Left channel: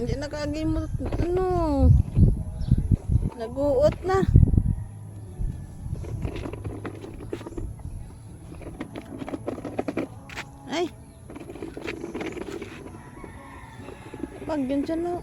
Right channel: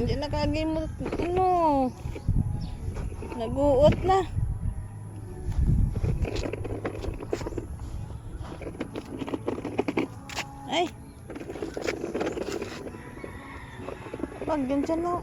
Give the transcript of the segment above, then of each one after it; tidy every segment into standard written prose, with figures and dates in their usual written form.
Diyan nakagimot, ano, naguot na. Ay, pag din siya na.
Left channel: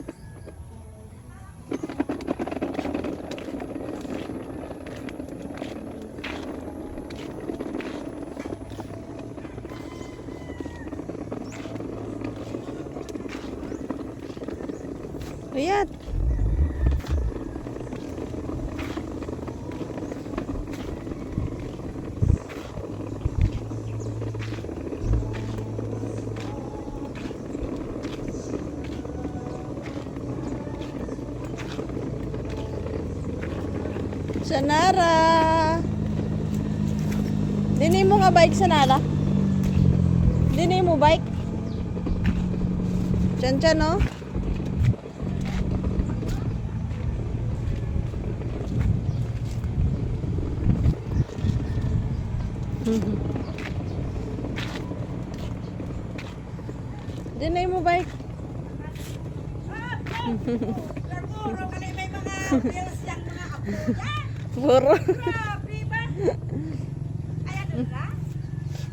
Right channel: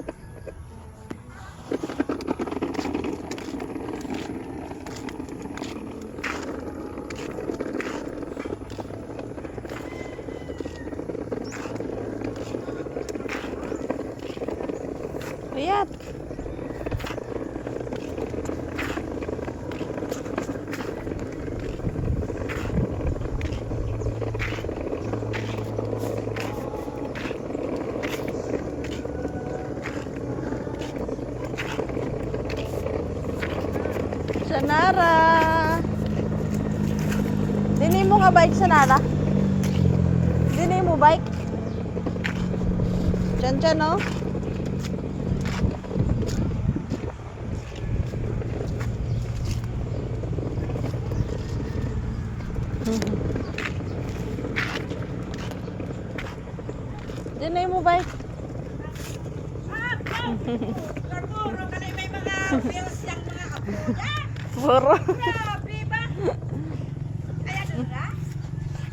Ayan. Sanara. Dini mo nga bike, Sanara? Dini mo bike? Chan-chan, no? Dini mo bike? Puro. Grabe ba? Ayan na.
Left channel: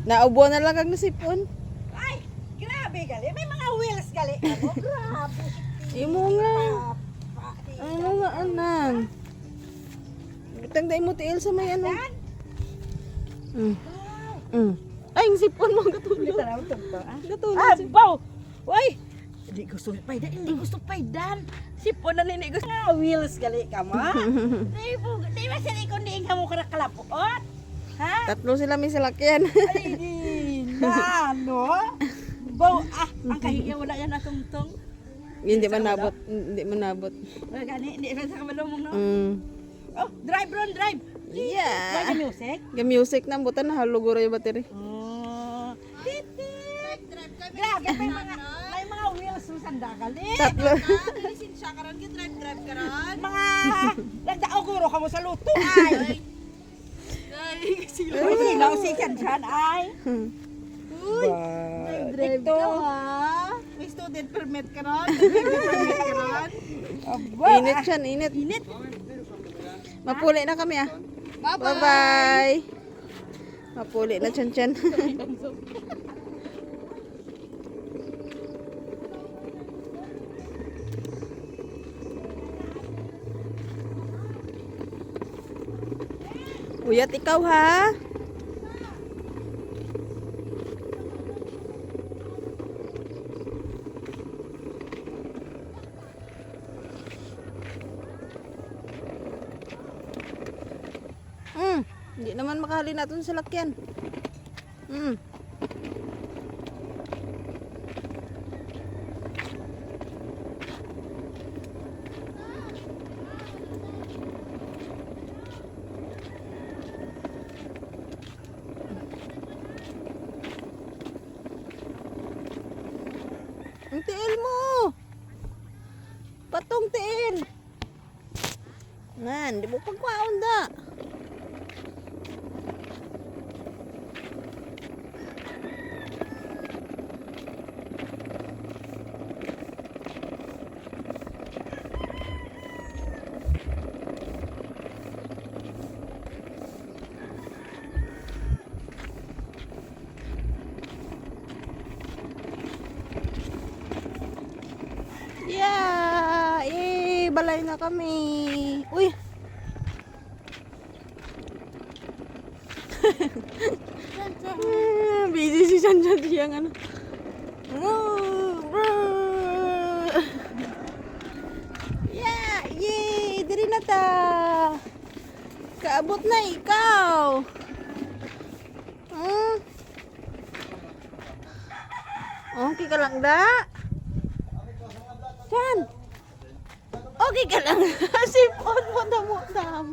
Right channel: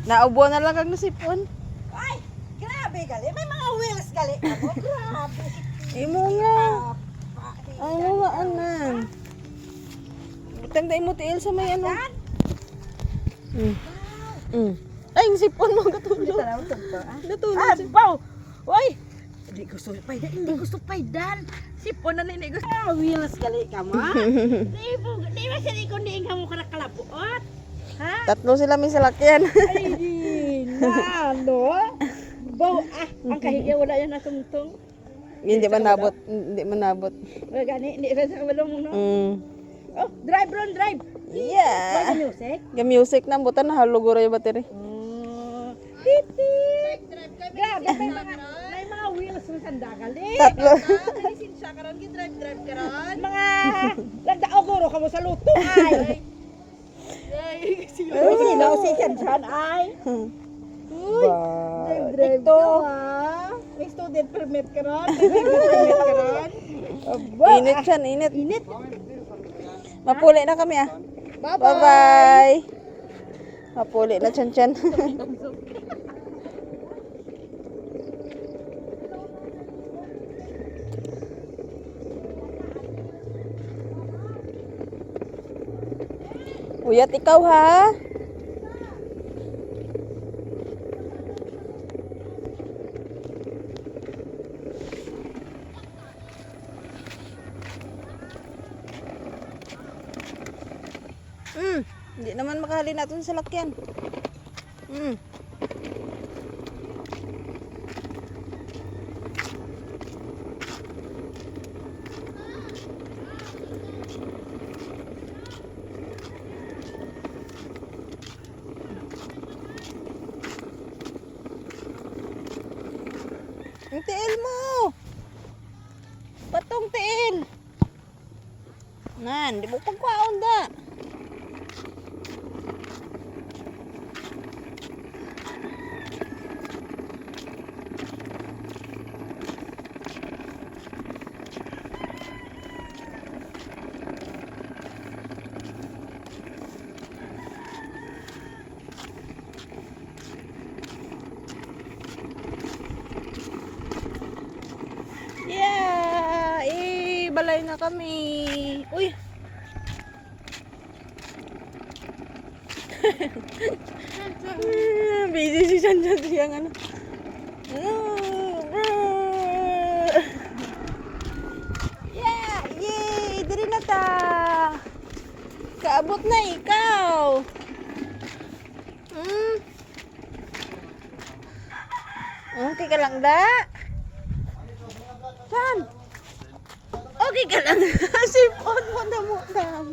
Naubo na lang ang sipon. Ay, grabe gali. May mga wheels gali. Ano, grabe. Imo nga. Ano nga anan? Tangday mo tiil sa may ano. Ay, ang sipon mo katulog. Katulog. Abaw! Uy! Hindi gusto paydan. Hindi gusto paydan. Sipon na nini gusto. Wheels gali ka mo. Di ba sila ikon diing mo karakalapot? Ha? Tatlo sila may salakyan. Ay, di na, no? Baw, ang kahiya wala yan natungtong. Hindi man nabot. Hindi man nabot. Gani, hindi rin sa kamalumong, no? Oh, drive, Ron, drive! Yeah. Why the music? Yung music na butan haluguro yung battery. Titit! Grabe, may mga wheels mo sandagali. Tatlo. Lisensya ka ron, drive ka ron. Mga, nagdaoguro ka mo sa luto, ay. Uy, sino si Kanshan, ay. Uy, drive ka, ha? May student permit ka ron? Permit ka ron? Init siya, init. Init. Mapuli na kami ah. Bye-bye. Mapuli na chan-chan. Uyat ikaw ha. Hindi naman makahali natin sa lakyan. Ang tiil mo. Patong tiil. Nan, di mo pagkwaon da. Yeah! Balay na kami. Uy! dyan siyang ano. Yeah, yay! Diri na ta. Kaabot na ikaw. Okay ka lang da? Saan? Okay ka lang. Sipon mo na mo, Sam.